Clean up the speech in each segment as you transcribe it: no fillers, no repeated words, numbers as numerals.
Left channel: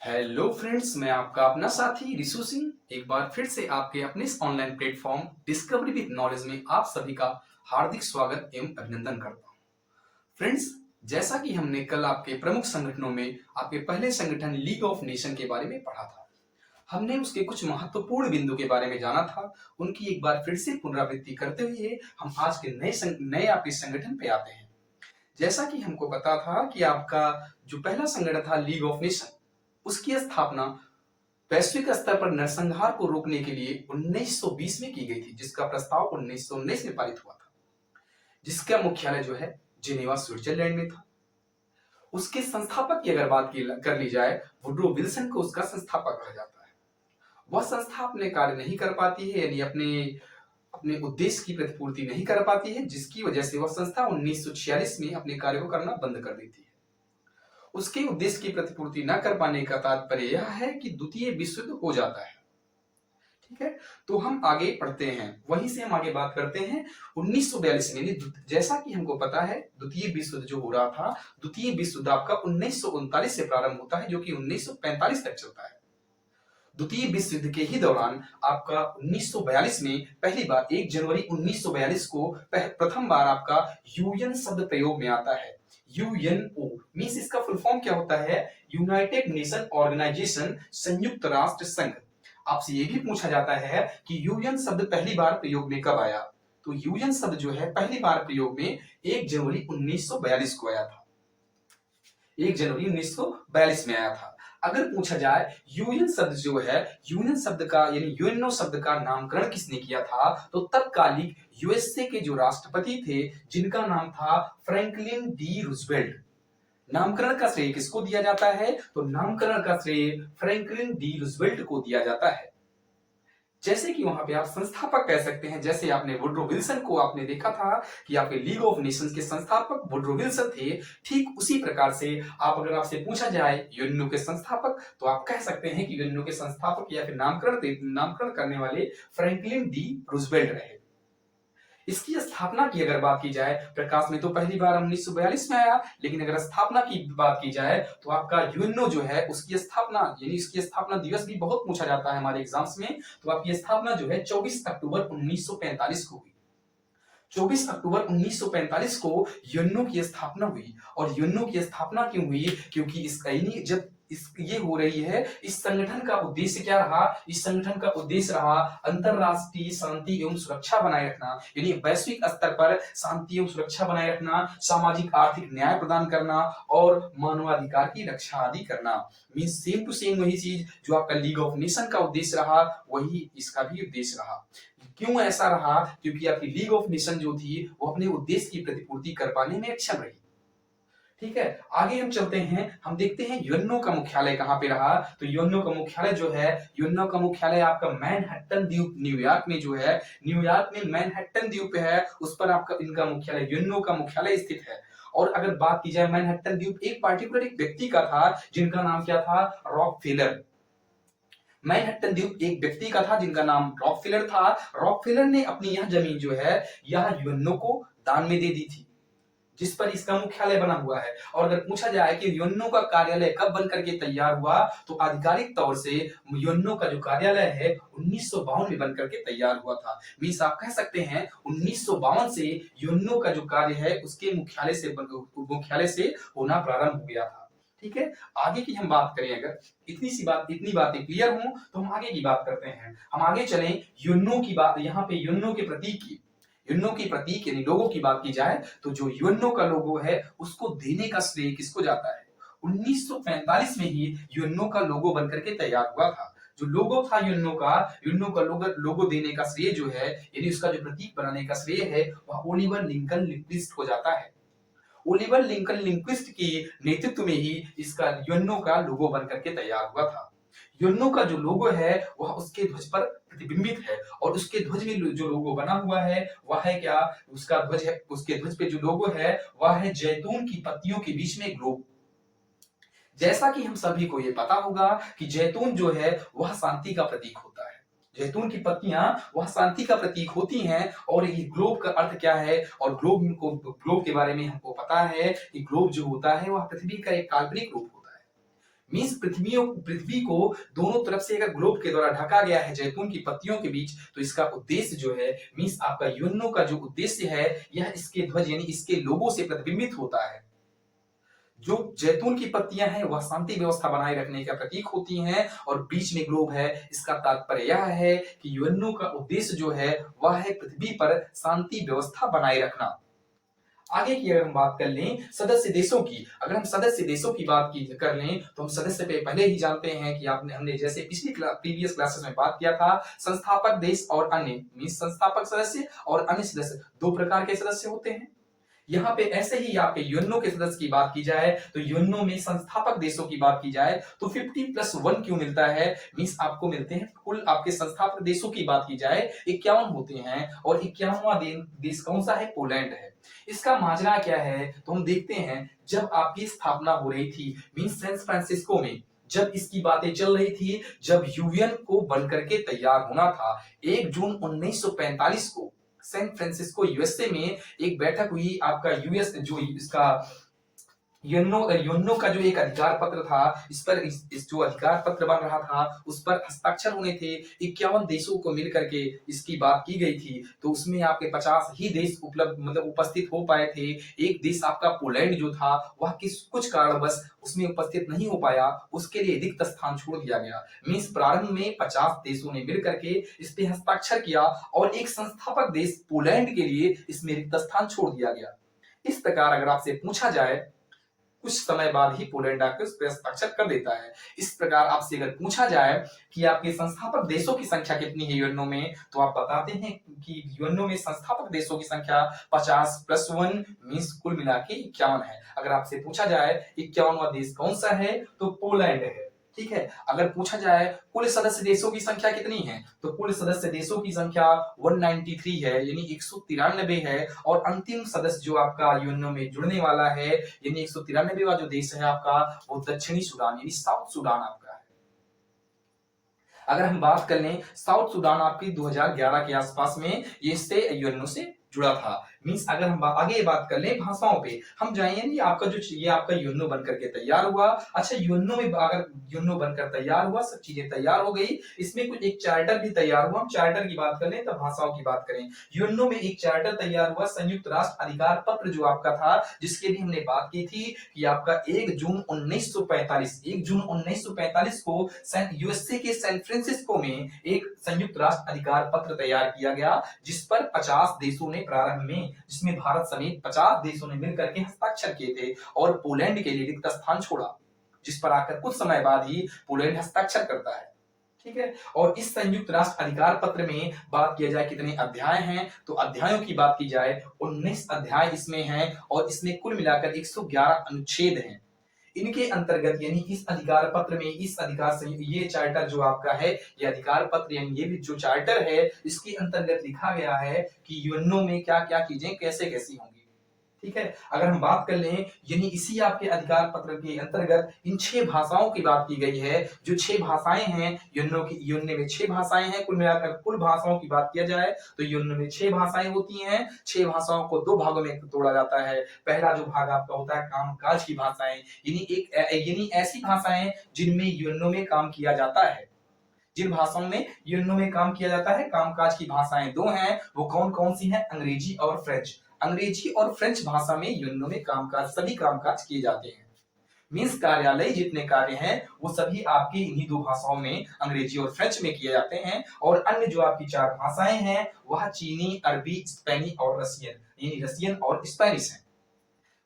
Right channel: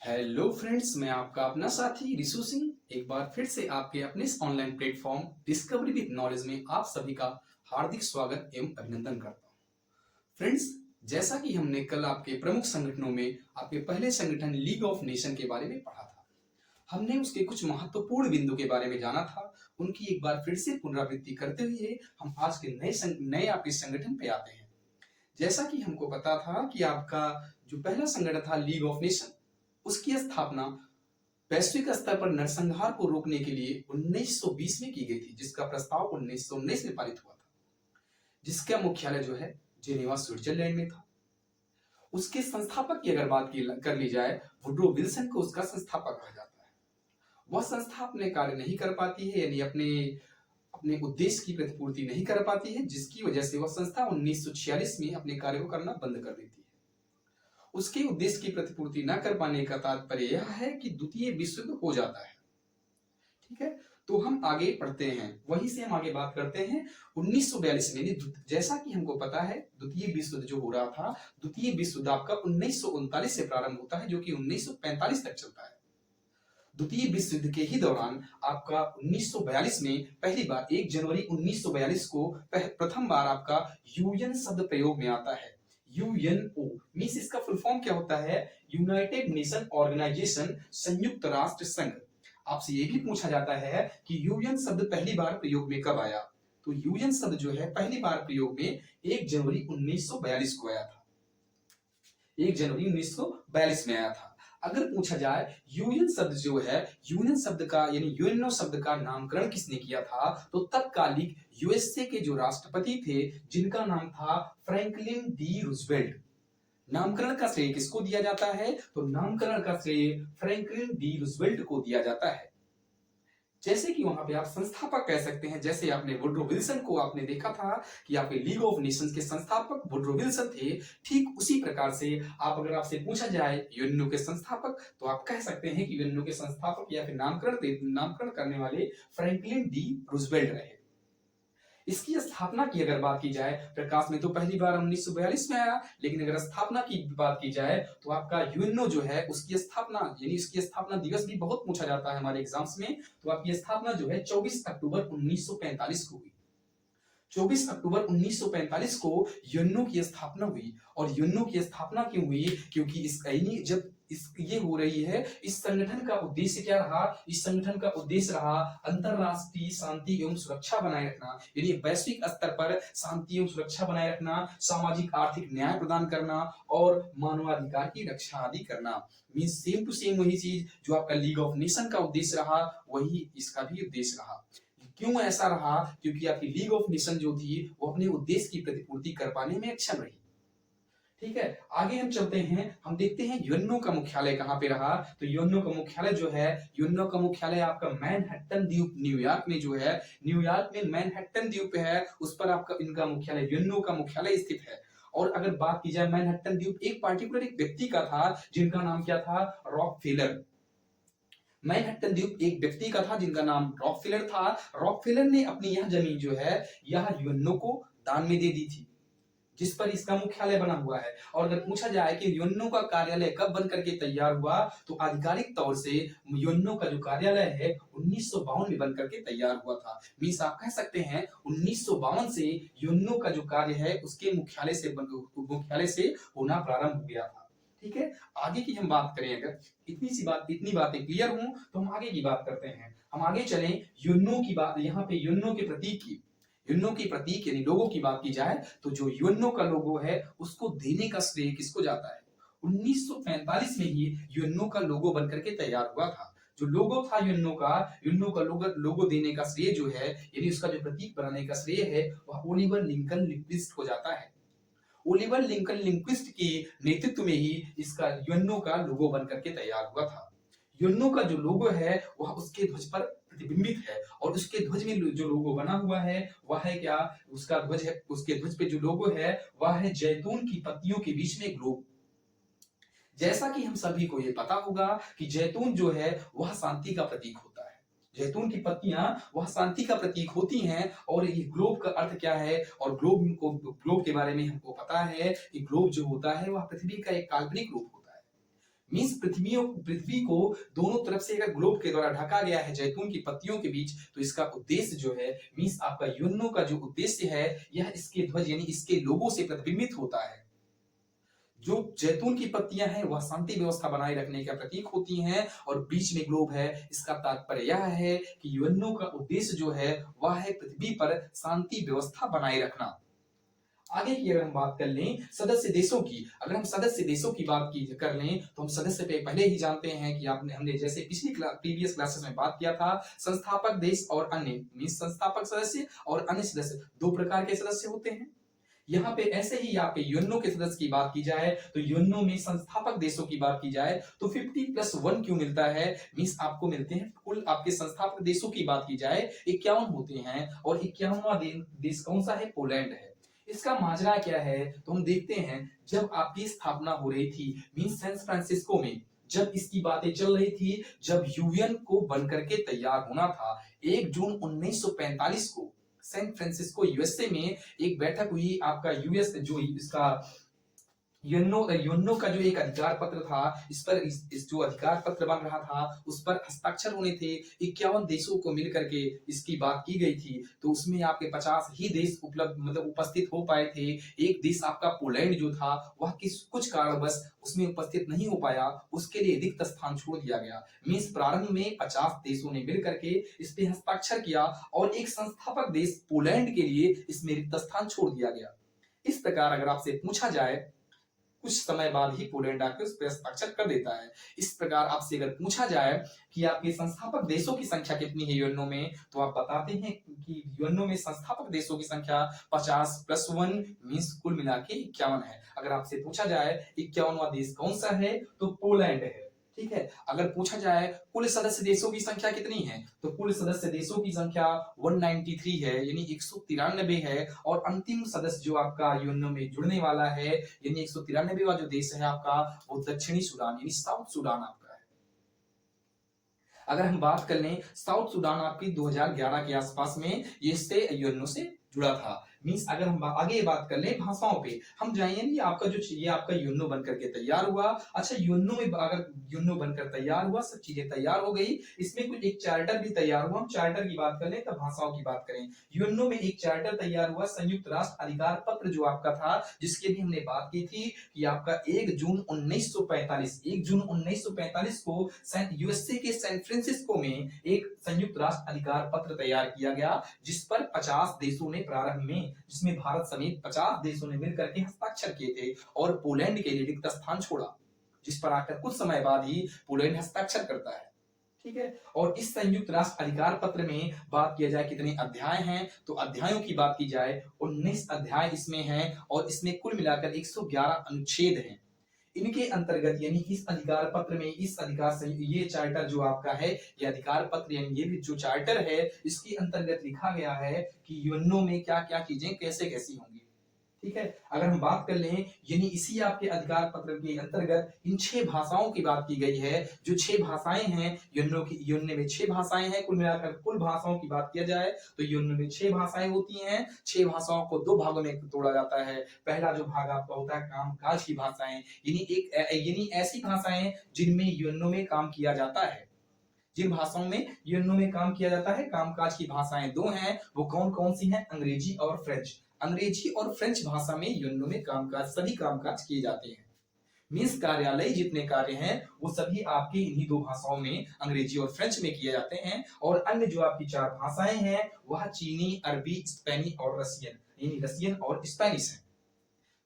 Hello friends, मैं आपका अपना साथी रिशु सिंह एक बार फिर से आपके अपने इस online platform discovery with knowledge में आप सभी का हार्दिक स्वागत एवं अभिनंदन करता हूं। फ्रेंड्स, जैसा कि हमने कल आपके प्रमुख संगठनों में आपके पहले संगठन लीग ऑफ नेशन के बारे में पढ़ा था। हमने उसके कुछ महत्वपूर्ण बिंदु के बारे में जाना था। उनकी एक बार फिर से पुनरावृत्ति करते हुए हम आज के नए आपके संगठन पे आते हैं। जैसा कि हमको पता था कि आपका जो पहला संगठन था लीग ऑफ नेशन, उसकी स्थापना वैश्विक स्तर पर नरसंहार को रोकने के लिए 1920 में की गई थी, जिसका प्रस्ताव 1919 में पारित हुआ था, जिसका मुख्यालय जो है जेनेवा स्विट्जरलैंड में था। उसके संस्थापक की अगर बात कर ली जाए, वुड्रो विल्सन को उसका संस्थापक कहा जाता है। वह संस्था अपने कार्य नहीं कर पाती है, यानी अपने अपने उद्देश्य की प्रतिपूर्ति नहीं कर पाती है, जिसकी वजह से वह संस्था 1946 में अपने कार्य को करना बंद कर देती है। उसके उद्देश्य की प्रतिपूर्ति न कर पाने का तात्पर्य यह है कि द्वितीय विश्व युद्ध हो जाता है। ठीक है, तो हम आगे पढ़ते हैं, वहीं से हम आगे बात करते हैं 1942 में। जैसा कि हमको पता है, द्वितीय विश्व युद्ध जो हो रहा था, द्वितीय विश्व युद्ध आपका 1939 से प्रारंभ होता है, जो कि 1945 तक चलता है। द्वितीय विश्व युद्ध के ही दौरान आपका 1942 में पहली बार 1 जनवरी 1942 को प्रथम बार आपका यूएन शब्द प्रयोग में आता है। यूएनओ मींस इसका फुल फॉर्म क्या होता है? यूनाइटेड नेशन ऑर्गेनाइजेशन, संयुक्त राष्ट्र संघ। आपसे ये भी पूछा जाता है कि यूएन शब्द पहली बार प्रयोग में कब आया? तो यूएन शब्द जो है पहली बार प्रयोग में 1 जनवरी 1942 को आया था। 1 जनवरी 1942 में आया था। अगर पूछा जाए यूएन शब्द जो है, यूएन शब्द का यानी यूएनओ शब्द का नामकरण किसने किया था, तो तत्कालिक यूएसए के जो राष्ट्रपति थे, जिनका नाम था फ्रैंकलिन डी रूजवेल्ट। नामकरण का श्रेय किसको दिया जाता है? तो नामकरण का श्रेय फ्रैंकलिन डी रूजवेल्ट को दिया जाता है। जैसे कि वहां पे आप संस्थापक कह सकते हैं, जैसे आपने वुड्रो विल्सन को आपने देखा था कि आपके लीग ऑफ नेशंस के संस्थापक वुड्रो विल्सन थे, ठीक उसी प्रकार से आप अगर आपसे पूछा जाए यूएनओ के संस्थापक, तो आप कह सकते हैं कि यूएनओ के संस्थापक या फिर नामकरण करने वाले फ्रैंकलिन डी रूजवेल्ट रहे। इसकी स्थापना की अगर बात की जाए, प्रकाश में तो पहली बार 1942 में आया, लेकिन अगर स्थापना की बात की जाए तो आपका यूएनओ जो है उसकी स्थापना यानी इसकी स्थापना दिवस भी बहुत पूछा जाता है हमारे एग्जाम्स में। तो आपकी स्थापना जो है 24 अक्टूबर 1945 को हुई। 24 अक्टूबर 1945 को यूएनओ की स्थापना हुई। और यूएनओ की स्थापना क्यों हुई? क्योंकि जब ये हो रही है, इस संगठन का उद्देश्य क्या रहा? इस संगठन का उद्देश्य रहा अंतरराष्ट्रीय शांति एवं सुरक्षा बनाए रखना, यानी वैश्विक स्तर पर शांति एवं सुरक्षा बनाए रखना, सामाजिक आर्थिक न्याय प्रदान करना और मानवाधिकार की रक्षा आदि करना। मींस सेम टू सेम वही चीज जो आपका लीग ऑफ नेशन का उद्देश्य रहा, वही इसका भी उद्देश्य रहा। क्यों ऐसा रहा? क्योंकि आपकी लीग ऑफ नेशन जो थी, वो अपने उद्देश्य की प्रतिपूर्ति कर पाने में अक्षम रही। ठीक है, आगे हम चलते हैं, हम देखते हैं यूएनओ का मुख्यालय कहां पे रहा। तो यूएनओ का मुख्यालय जो है, यूएनओ का मुख्यालय आपका मैनहट्टन द्वीप न्यूयॉर्क में जो है, न्यूयॉर्क में मैनहट्टन द्वीप है, उस पर आपका इनका मुख्यालय यूएनओ का मुख्यालय स्थित है। और अगर बात की जाए मैनहट्टन द्वीप एक पार्टिकुलर एक व्यक्ति का था, जिनका नाम क्या था? रॉकफेलर। मैनहट्टन द्वीप एक व्यक्ति का था जिनका नाम रॉकफेलर था। रॉकफेलर ने अपनी यह जमीन जो है, यह यूएनओ को दान में दे दी थी, जिस पर इसका मुख्यालय बना हुआ है। और अगर पूछा जाए कि यूएनओ का कार्यालय कब बन करके तैयार हुआ, तो आधिकारिक तौर से यूएनओ का जो कार्यालय है 1952 में बन करके तैयार हुआ था। मींस आप कह सकते हैं 1952 से यूएनओ का जो कार्य है उसके मुख्यालय से होना प्रारंभ हो गया था। ठीक है, आगे की हम बात करें, अगर इतनी बातें क्लियर हों तो हम आगे की बात करते हैं। हम आगे चलें, यूएनओ की बात, यहाँ पे यूएनओ के प्रतीक यानी लोगो की बात की जाए, तो जो यूएनओ का लोगो है उसको देने का श्रेय किसको जाता है? 1945 में ही यूएनओ का लोगो बनकर के तैयार हुआ था। जो लोगो था यूएनओ का लोगो देने का श्रेय जो है, यानी उसका जो प्रतीक बनाने का श्रेय है, वह ओलिवर लिंकन लिंक्विस्ट को जाता है। ओलिवर लिंकन लिंक्विस्ट के नेतृत्व में ही इसका यूएनओ का लोगो बनकर के तैयार हुआ था। यूएनओ का जो लोगो है वह उसके ध्वज पर प्रतिबिंबित है, और उसके ध्वज में जो लोगो बना हुआ है वह है क्या? उसका ध्वज है, उसके ध्वज पे जो लोगो है वह है जैतून की पत्तियों के बीच में ग्लोब। जैसा कि हम सभी को ये पता होगा कि जैतून जो है वह शांति का प्रतीक होता है। जैतून की पत्तियां वह शांति का प्रतीक होती हैं। और ये ग्लोब का अर्थ क्या है? और ग्लोब के बारे में हमको पता है कि ग्लोब जो होता है वह पृथ्वी का एक काल्पनिक रूप होता है। मीन्स पृथ्वी को दोनों तरफ से अगर ग्लोब के द्वारा ढका गया है जैतून की पत्तियों के बीच, तो इसका उद्देश्य जो है मीन्स आपका यूएनओ का जो उद्देश्य है यह इसके ध्वज यानी इसके लोगो से प्रतिबिंबित होता है। जो जैतून की पत्तियां हैं वह शांति व्यवस्था बनाए रखने का प्रतीक होती हैं और बीच में ग्लोब है। इसका तात्पर्य यह है कि यूएनओ का उद्देश्य जो है वह है पृथ्वी पर शांति व्यवस्था बनाए रखना। आगे की अगर हम बात कर लें सदस्य देशों की, अगर हम सदस्य देशों की बात कर लें तो हम सदस्य पे पहले ही जानते हैं कि हमने जैसे पिछली प्रीवियस क्लासेस में बात किया था, संस्थापक देश और अन्य मीन्स संस्थापक सदस्य और अन्य सदस्य दो प्रकार के सदस्य होते हैं। यहाँ पे ऐसे ही आपके यूएनओ के सदस्य की बात की जाए तो यूएनओ में संस्थापक देशों की बात की जाए तो 50+1 क्यों मिलता है, मीन्स आपको मिलते हैं कुल आपके संस्थापक देशों की बात की जाए 51 होते हैं और 51वां देश कौन सा है, पोलैंड है। इसका माजरा क्या है तो हम देखते हैं जब आपकी स्थापना हो रही थी मीन्स सैन फ्रांसिस्को में, जब इसकी बातें चल रही थी, जब यूएन को बनकर के तैयार होना था 1 जून 1945 को सैन फ्रांसिस्को यूएसए में एक बैठक हुई। आपका यूएस जो इसका यूएनओ का जो एक अधिकार पत्र था इस पर इस जो अधिकार पत्र बन रहा था उस पर हस्ताक्षर होने थे। 51 देशों को मिलकर के इसकी बात की गई थी, तो उसमें आपके 50 ही देश उपस्थित हो पाए थे। एक देश आपका पोलैंड जो था वह कुछ कारणवश उसमें उपस्थित नहीं हो पाया, उसके लिए रिक्त स्थान छोड़ दिया गया। मीन्स प्रारंभ में 50 देशों ने मिल करके इस पे हस्ताक्षर किया और एक संस्थापक देश पोलैंड के लिए इसमें रिक्त स्थान छोड़ दिया गया। इस प्रकार अगर आपसे पूछा जाए कुछ समय बाद ही पोलैंड आकर उस पर हस्ताक्षर कर देता है। इस प्रकार आपसे अगर पूछा जाए कि आपके संस्थापक देशों की संख्या कितनी है यूएनओ में, तो आप बताते हैं कि यूएनओ में संस्थापक देशों की संख्या 50+1 मीन्स कुल मिला के 51 है। अगर आपसे पूछा जाए 51वां देश कौन सा है तो पोलैंड है, ठीक है। अगर पूछा जाए कुल सदस्य देशों की संख्या कितनी है तो कुल सदस्य देशों की संख्या 193 है यानी 193 है और अंतिम सदस्य जो आपका यूएनओ में जुड़ने वाला है यानी 193वां जो देश है आपका वो दक्षिणी सूडान यानी साउथ सूडान आपका है। अगर हम बात कर लें साउथ सूडान आपकी 2011 के आसपास में ये इससे यूएनओ से जुड़ा था। मीन्स अगर हम आगे बात कर लें भाषाओं पे हम जाएंगे नहीं, आपका जो ये आपका यूएनओ बनकर के तैयार हुआ। अच्छा यूएनओ में अगर यूएनओ बनकर तैयार हुआ, सब चीजें तैयार हो गई, इसमें कुछ एक चार्टर भी तैयार हुआ। हम चार्टर की बात कर लें तब भाषाओं की बात करें। यूएनओ में एक चार्टर तैयार हुआ, संयुक्त राष्ट्र अधिकार पत्र जो आपका था जिसके भी हमने बात की थी कि आपका 1 जून 1945 को यूएसए के सैन फ्रांसिस्को में एक संयुक्त राष्ट्र अधिकार पत्र तैयार किया गया जिस पर 50 देशों ने प्रारंभ में, जिसमें भारत समेत 50 देशों ने मिलकर के हस्ताक्षर किए थे और पोलैंड के लिए रिक्त स्थान छोड़ा, जिस पर आकर कुछ समय बाद ही पोलैंड हस्ताक्षर करता है, ठीक है। और इस संयुक्त राष्ट्र अधिकार पत्र में बात किया जाए कितने अध्याय हैं तो अध्यायों की बात की जाए 19 अध्याय इसमें हैं और इसमें कुल मिलाकर 111 अनुच्छेद हैं। इनके अंतर्गत यानी इस अधिकार पत्र में ये चार्टर जो आपका है ये अधिकार पत्र यानी ये भी जो चार्टर है इसके अंतर्गत लिखा गया है कि यूएनओ में क्या क्या चीजें कैसे कैसी होंगी, ठीक है। अगर हम बात कर लें यानी इसी आपके अधिकार पत्र के अंतर्गत इन 6 भाषाओं की बात की गई है। जो 6 भाषाएं हैं यूएनओ में 6 भाषाएं हैं, कुल मिलाकर कुल भाषाओं की बात किया जाए तो यूएनओ में 6 भाषाएं होती हैं। 6 भाषाओं को 2 भागों में तोड़ा जाता है। पहला जो भाग आपका होता है कामकाज की भाषाएं यानी ऐसी भाषाएं जिनमें यूएनओ में काम किया जाता है। जिन भाषाओं में यूएनओ में काम किया जाता है कामकाज की भाषाएं 2 हैं, वो कौन कौन सी हैं, अंग्रेजी और फ्रेंच। अंग्रेजी और फ्रेंच भाषा में यूएनओ में सभी कामकाज किए जाते हैं। मीन्स कार्यालय जितने कार्य हैं वो सभी आपकी इन्हीं 2 भाषाओं में अंग्रेजी और फ्रेंच में किए जाते हैं। और अन्य जो आपकी 4 भाषाएं हैं वह चीनी, अरबी, स्पेनी और रसियन यानी रसियन और स्पेनिश है।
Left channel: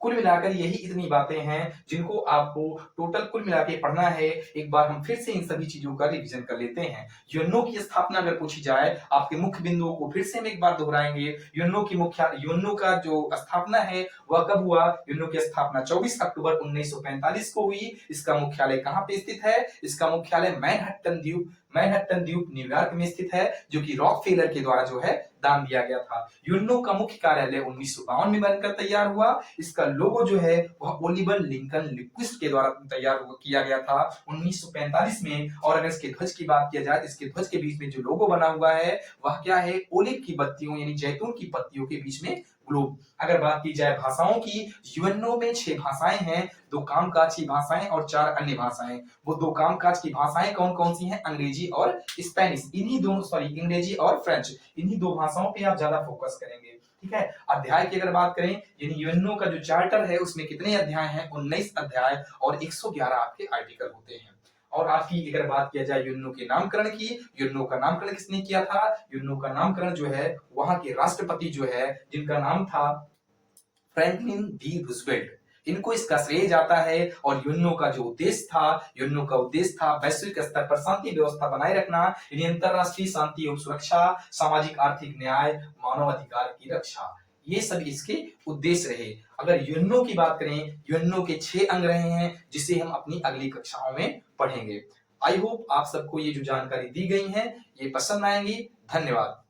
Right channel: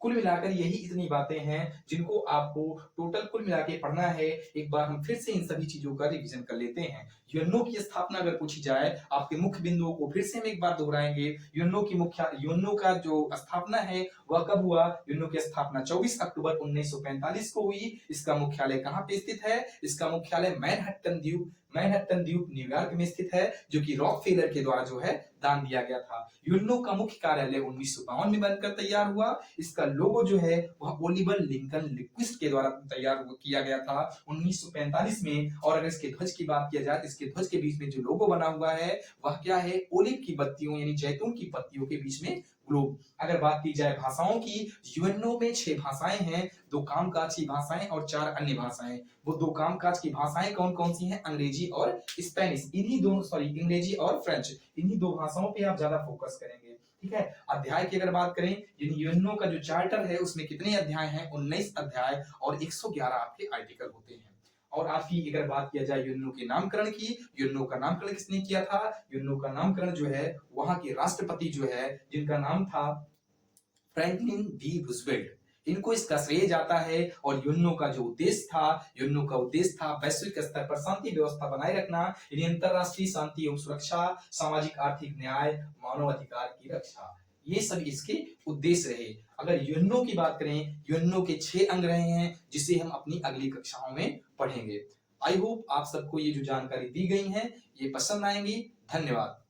कुल मिलाकर यही इतनी बातें हैं जिनको आपको टोटल कुल मिला के पढ़ना है। एक बार हम फिर से इन सभी चीजों का रिवीजन कर लेते हैं। यूएनओ की स्थापना अगर पूछी जाए आपके मुख्य बिंदुओं को फिर से हम एक बार दोहराएंगे। यूएनओ का जो स्थापना है वह कब हुआ, यूएनओ की स्थापना 24 अक्टूबर 1945 को हुई। इसका मुख्यालय कहाँ पे स्थित है, इसका मुख्यालय मैनहट्टन द्वीप न्यूयॉर्क में स्थित है जो कि रॉकफेलर के द्वारा जो है दान दिया गया था। यूएनओ का मुख्य कार्यालय 1952 में बनकर तैयार हुआ। इसका लोगो जो है वह ओलिवर लिंकन लिक्विस्ट के द्वारा तैयार किया गया था 1945 में। और अगर इसके ध्वज की बात किया जाए तो इसके ध्वज के बीच में जो लोगो बना हुआ है वह क्या है, ओलिव की पत्तियों यानी जैतून की पत्तियों के बीच में ग्लोब। अगर बात की जाए भाषाओं की, यूएनओ में 6 भाषाएं हैं, 2 कामकाज की भाषाएं और 4 अन्य भाषाएं। वो 2 कामकाज की भाषाएं कौन-कौन सी हैं? अंग्रेजी और स्पेनिश। इन्हीं दोनों अंग्रेजी और फ्रेंच, इन्हीं 2 भाषाओं पे आप ज्यादा फोकस करेंगे। ठीक है। अध्याय की अगर बात करें, यानी यूएनओ का जो चार्टर है उसमें कितने अध्याय हैं? 19 अध्याय और 111 आपके आर्टिकल होते हैं। और आपकी अगर बात किया जाए यूएनओ के नामकरण की, यूएनओ का नामकरण किसने किया था? यूएनओ का नामकरण जो है वहां के राष्ट्रपति जो है, जिनका नाम था फ्रैंकलिन डी रूजवेल्ट, इनको इसका श्रेय जाता है। और यूएनओ का जो उद्देश्य था, यूएनओ का उद्देश्य था वैश्विक स्तर पर शांति व्यवस्था बनाए रखना, यानी अंतरराष्ट्रीय शांति एवं सुरक्षा, सामाजिक आर्थिक न्याय, मानव अधिकार की रक्षा, ये सब इसके उद्देश्य रहे। अगर यूएनओ की बात करें, यूएनओ के 6 अंग रहे हैं, जिसे हम अपनी अगली कक्षाओं में पढ़ेंगे। आई होप आप सबको ये जो जानकारी दी गई है ये पसंद आएंगी। धन्यवाद।